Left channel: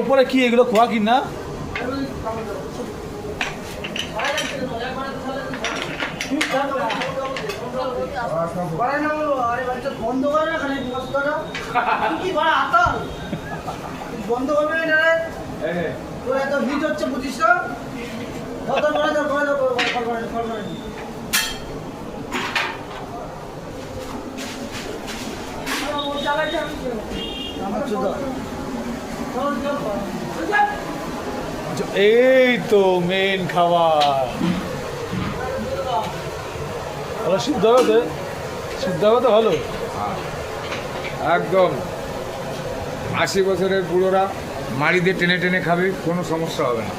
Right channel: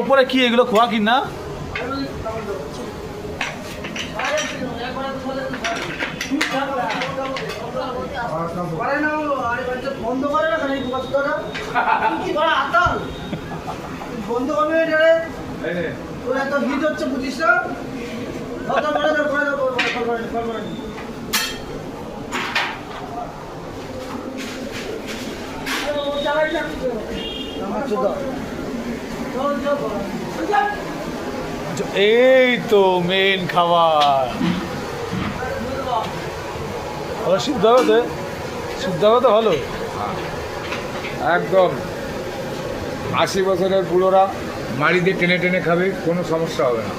ওপরে কি এগুলো খোয়া কি না? বন্ধ করে না বন্ধ করবে এত হিট হচ্ছে বুঝিস না। এই তো মেন খাবার। ভালো সিদ্ধ হবে তো? সিদ্ধ হবে তো ভালো? একদম 80 বছরের বুড়োরা মাড়ি দিয়ে টেনে টেনে খাবে, কোনো সমস্যা হবে না।